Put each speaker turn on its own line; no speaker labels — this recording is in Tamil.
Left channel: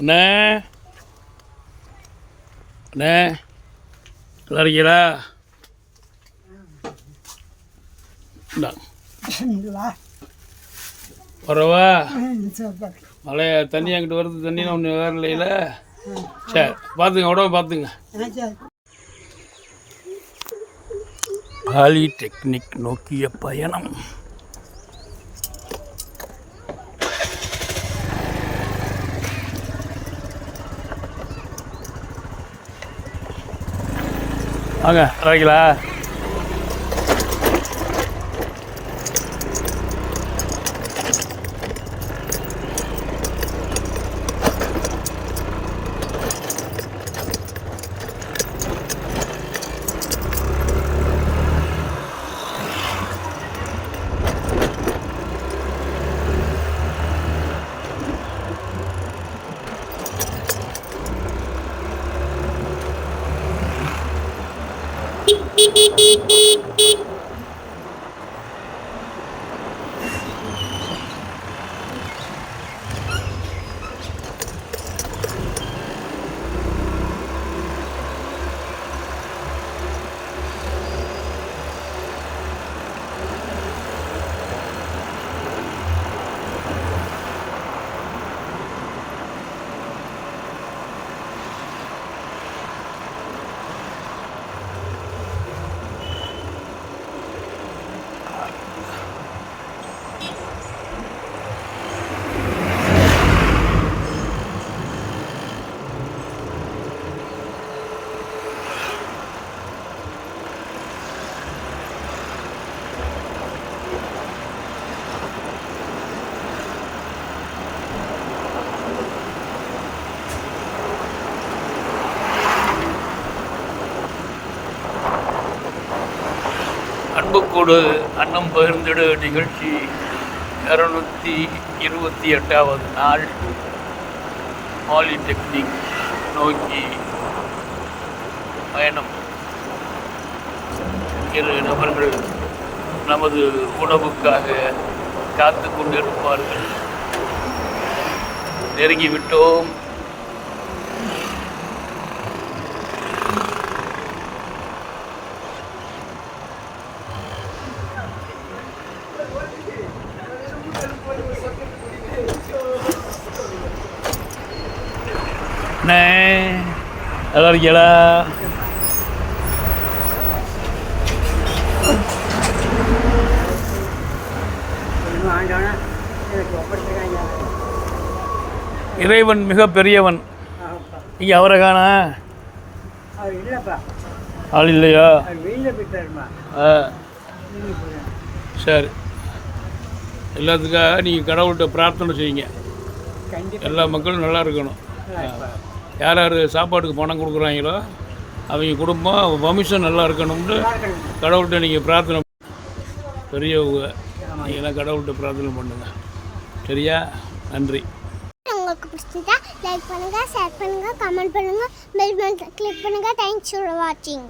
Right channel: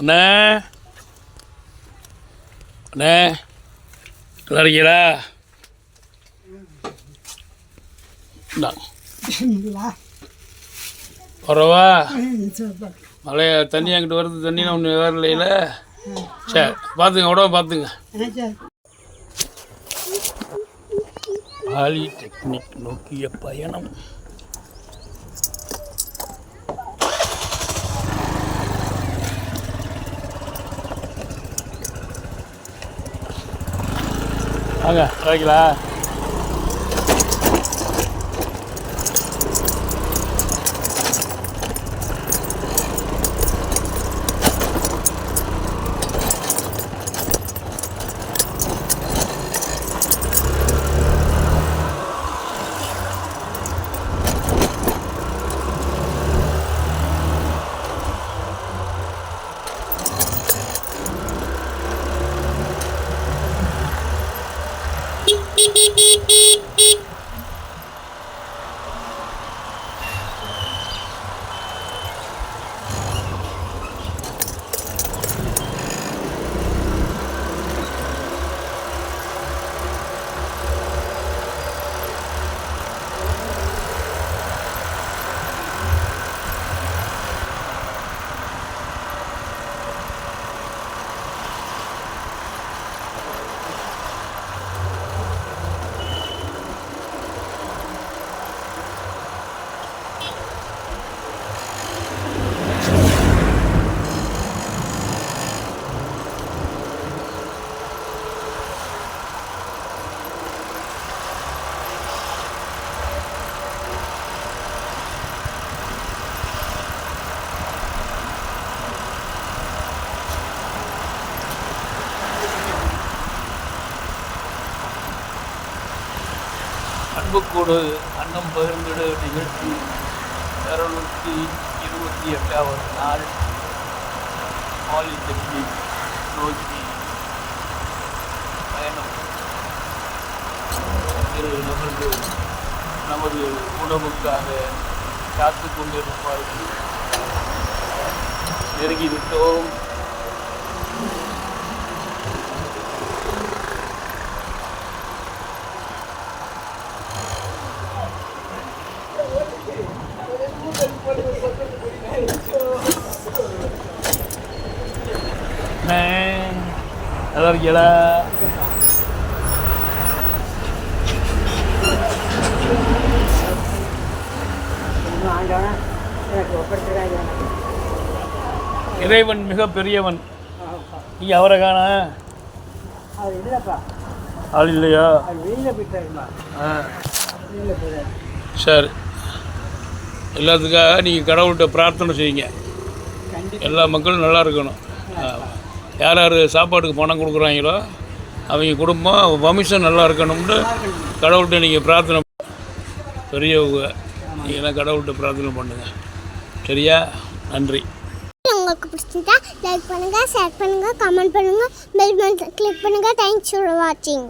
அண்ணே. அண்ணே. நல்லா இருக்கீங்களா? வரவா மழைய தண்ணி அங்கிட்டு வருது தண்ணி ஒன்று வரலையில. சரி பார்த்துங்க உடம்ப பார்த்துங்க. பாலிடெக்னிக் நோக்கிய பயணம். வாங்க. வரைங்களா ピピピピピ அன்புக்கூடு அன்னம் பகிர்ந்திடு நிகழ்ச்சி இரநூத்தி இருபத்தி எட்டாவது நாள். பாலிடெக்னிக் நோக்கி பயணம். இரு நபர்கள் நமது உணவுக்காக காத்து கொண்டிருப்பார்கள் நெருங்கிவிட்டோம். அண்ணே நல்லா இருக்கீங்களா இறைவன் மிக பெரியவன். இங்கே அவரை காண?
அவர் இல்லைப்பா
ஆள் இல்லையா?
அவர் வீட்டில் போயிட்டாருமா.
ஆ. சரி. எல்லாத்துக்காக நீங்கள் கடவுள்கிட்ட பிரார்த்தனை செய்யுங்க. எல்லா மக்களும் நல்லா இருக்கணும். யார் யார் சாப்பாட்டுக்கு பணம் கொடுக்குறாங்களோ அவங்க குடும்பம் வம்சம் நல்லா இருக்கணும்னு கடவுள்கிட்ட நீங்கள் பிரார்த்தனை பெரியவங்க நீங்களாம் கடவுள்கிட்ட பிரார்த்தனை பண்ணுங்க. சரியா? நன்றி.
உங்களுக்கு பிடிச்சிருந்தா லைக் பண்ணுங்க ஷேர் பண்ணுங்க கமெண்ட் பண்ணுங்க பெல் பட்டன் கிளிக் பண்ணுங்க. தேங்க்ஸ் ஃபார் வாட்சிங்